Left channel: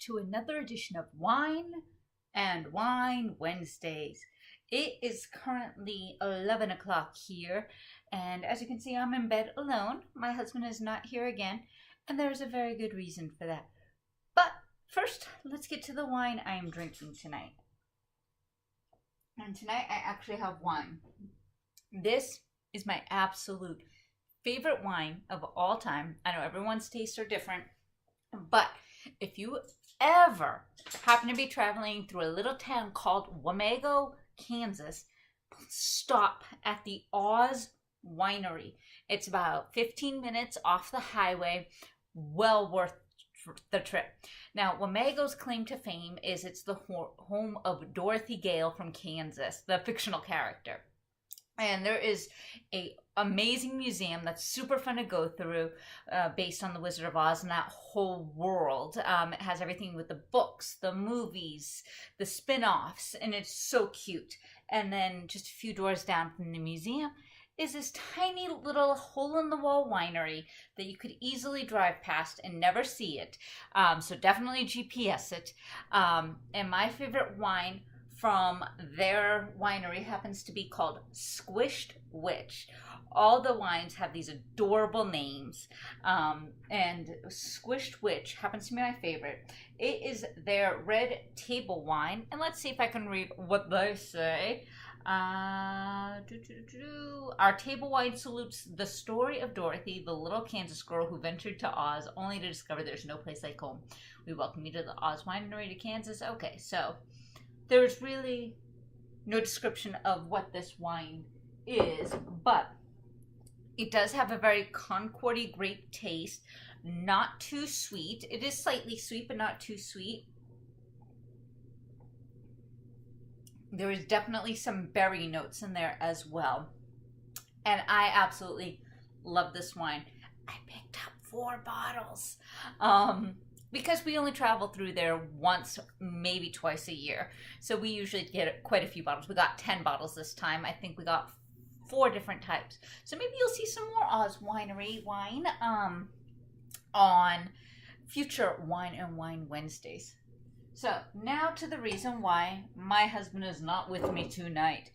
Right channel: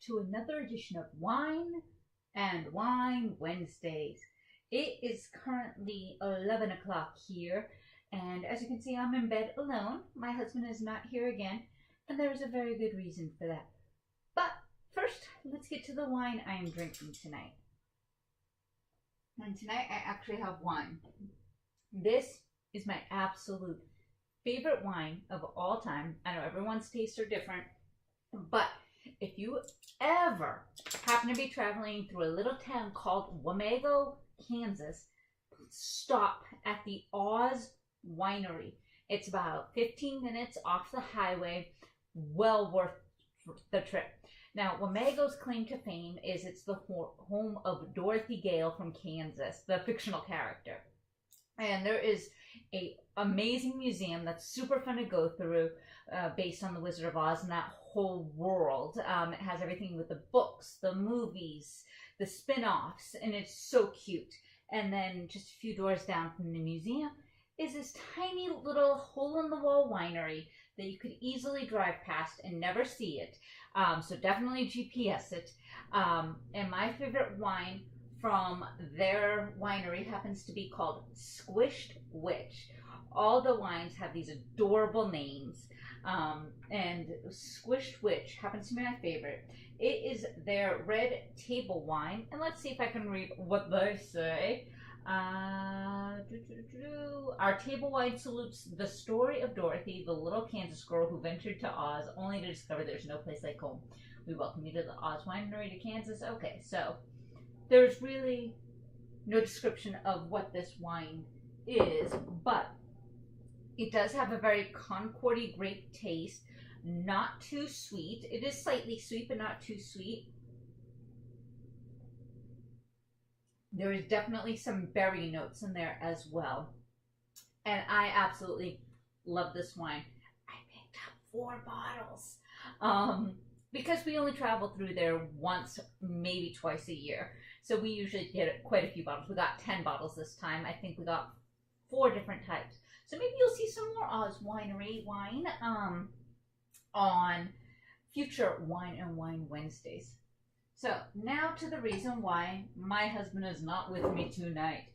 to another edition of Wine and Wine Wednesdays. It is currently 11 o'clock here, and as you can see, I'm in bed alone. My husband is not here again, and there's a very good reason for that. But first, let's get to the wine I am drinking tonight. And tonight I actually have wine. This is my absolute favorite wine of all time. I know everyone's tastes are different, but if you ever happen to be traveling through a little town called Wamego, Kansas, stop at the Oz Winery. It's about 15 minutes off the highway, well worth the trip. Now, Wamego's claim to fame is it's the home of Dorothy Gale from Kansas, the fictional character. And there is a amazing museum that's super fun to go through based on the Wizard of Oz and that whole world. It has everything with the books, the movies, the spin-offs, and it's so cute. And then just a few doors down from the museum is this tiny little hole-in-the-wall winery that you could easily drive past and never see it. So definitely GPS it. And my favorite wine from their winery happens to be called Squished Witch. All the wines have these adorable names, and Squished Witch happens to be my favorite. It is their red table wine, and let's see if I can read what they say. Our table wine salutes the story of Dorothy, the little Kansas girl who ventured to Oz only to discover there's no place like home. We welcome you to the Oz Winery to Kansas. Okay, so there's really no description of what this wine is, but it does have a very Concordy grape taste, not too sweet. It is slightly sweet, but not too sweet. There is definitely some berry notes in there as well. And I absolutely love this wine. I picked up 4 bottles. Because we only travel through there once, maybe twice a year. So we usually get quite a few bottles. We got 10 bottles this time. I think we got 4 different types. So maybe you'll see some more Oz Winery wine on future Wine and Wine Wednesdays. So now to the reason why my husband is not with me tonight.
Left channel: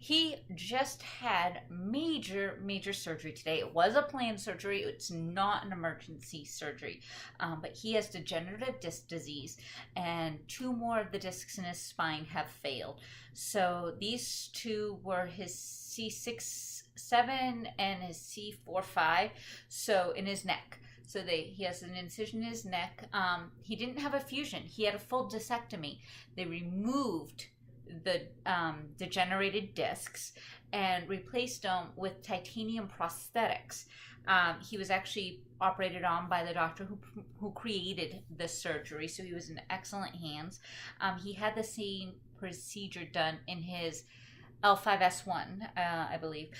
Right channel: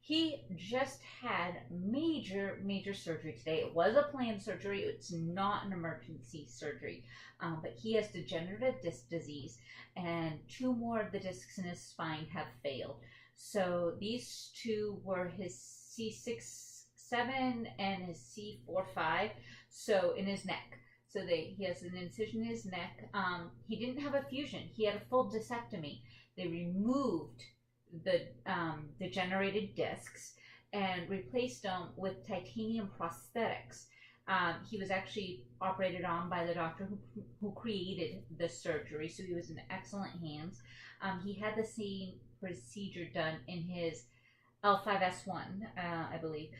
He just had major surgery today. It was a planned surgery. It's not an emergency surgery, but he has degenerative disc disease, and 2 more of the discs in his spine have failed. So these 2 were his C6-7 and his C4-5, so in his neck. So he has an incision in his neck. He didn't have a fusion. He had a full discectomy. They removed the degenerated discs and replaced them with titanium prosthetics. He was actually operated on by the doctor who created this surgery, so he was in excellent hands. He had the same procedure done in his L5S1, I believe,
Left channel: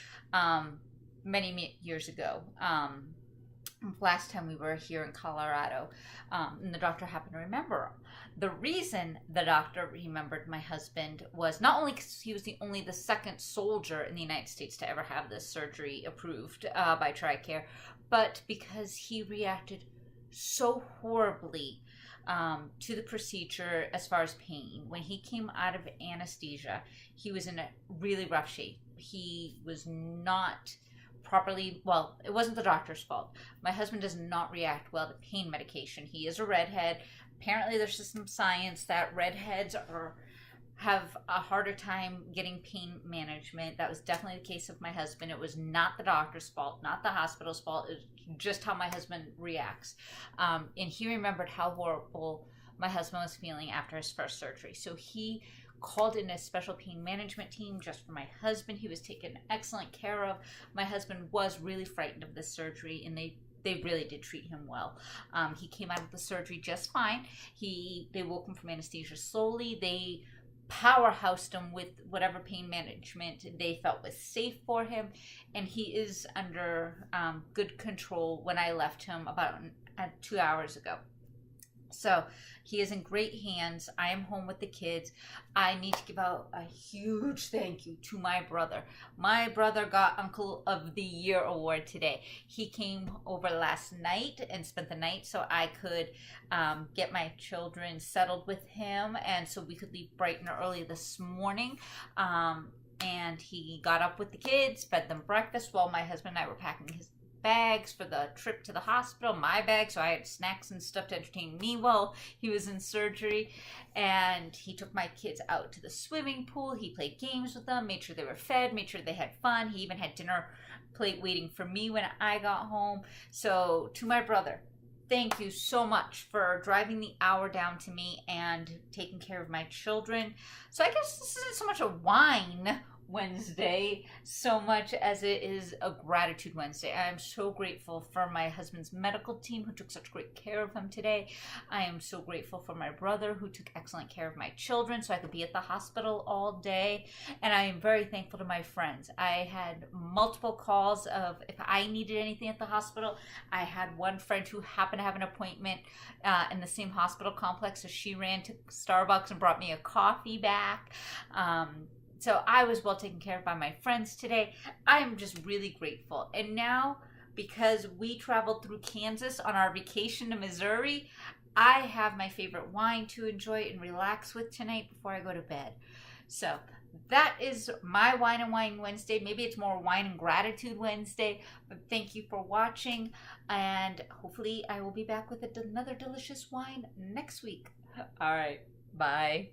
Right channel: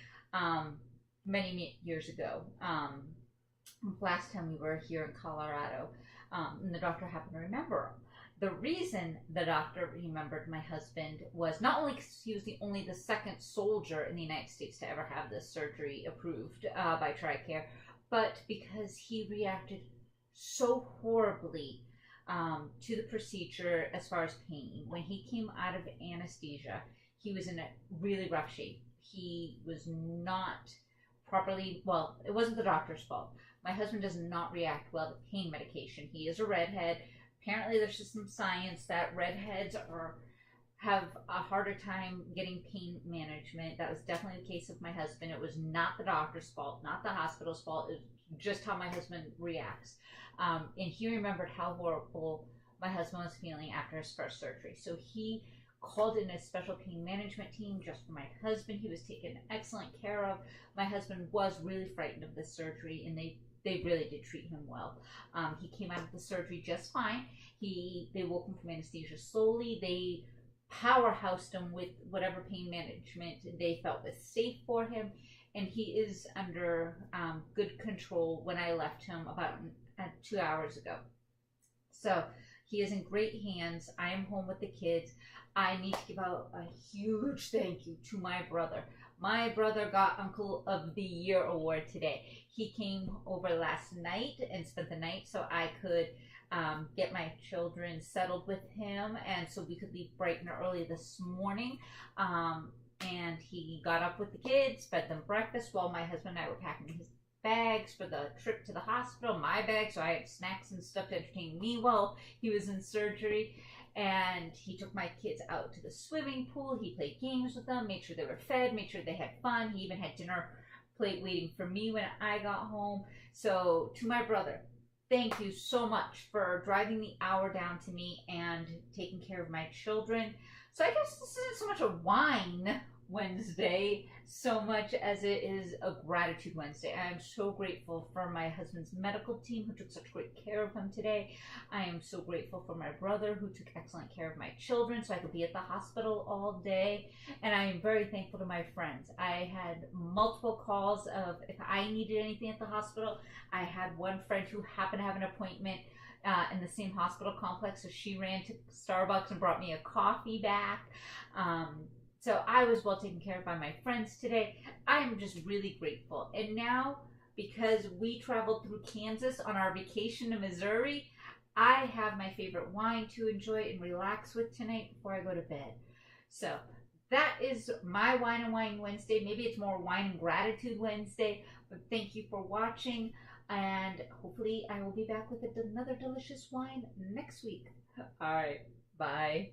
many years ago. Last time we were here in Colorado, and the doctor happened to remember him. The reason the doctor remembered my husband was not only because he was the second soldier in the United States to ever have this surgery approved by TRICARE, but because he reacted so horribly to the procedure as far as pain. When he came out of anesthesia, he was in a really rough shape. He was not properly, well, it wasn't the doctor's fault. My husband does not react well to pain medication. He is a redhead. Apparently there's just some science that redheads have a harder time getting pain management. That was definitely the case of my husband. It was not the doctor's fault, not the hospital's fault. It was just how my husband reacts. And he remembered how horrible my husband was feeling after his first surgery. So he called in a special pain management team just for my husband. He was taken excellent care of. My husband was really frightened of this surgery, and they really did treat him well. He came out of the surgery just fine. They woke him from anesthesia slowly. They powerhoused him with whatever pain management they felt was safe for him, and he is under good control when I left him about 2 hours ago. So he is in great hands. I am home with the kids. I need to give out a huge thank you to my brother. My brother got Uncle of the Year award today. He came over last night and spent the night so I could get my children settled with him, and so we could leave bright and early this morning. And he got up with the kids, fed them breakfast while my husband and I were packing his bags for the trip to the hospital, my bag, so I had snacks and stuff to entertain me while he was in surgery. And he took my kids out to the swimming pool. He played games with them, made sure they were fed, made sure they had fun. He even had dinner plate waiting for me when I got home. So to my brother, thank you so much for driving the hour down to me and taking care of my children. So I guess this isn't so much a whine Wednesday so much as it is a gratitude Wednesday. I am so grateful for my husband's medical team who took such great care of him today. I am so grateful for my brother who took excellent care of my children so I could be at the hospital all day. And I am very thankful to my friends. I had multiple calls of if I needed anything at the hospital. I had one friend who happened to have an appointment in the same hospital complex, so she ran to Starbucks and brought me a coffee back. So I was well taken care of by my friends today. I am just really grateful. And now, because we traveled through Kansas on our vacation to Missouri, I have my favorite wine to enjoy and relax with tonight before I go to bed. So that is my Wine and Wine Wednesday. Maybe it's more Wine and Gratitude Wednesday, but thank you for watching. And hopefully I will be back with another delicious wine next week. All right, bye.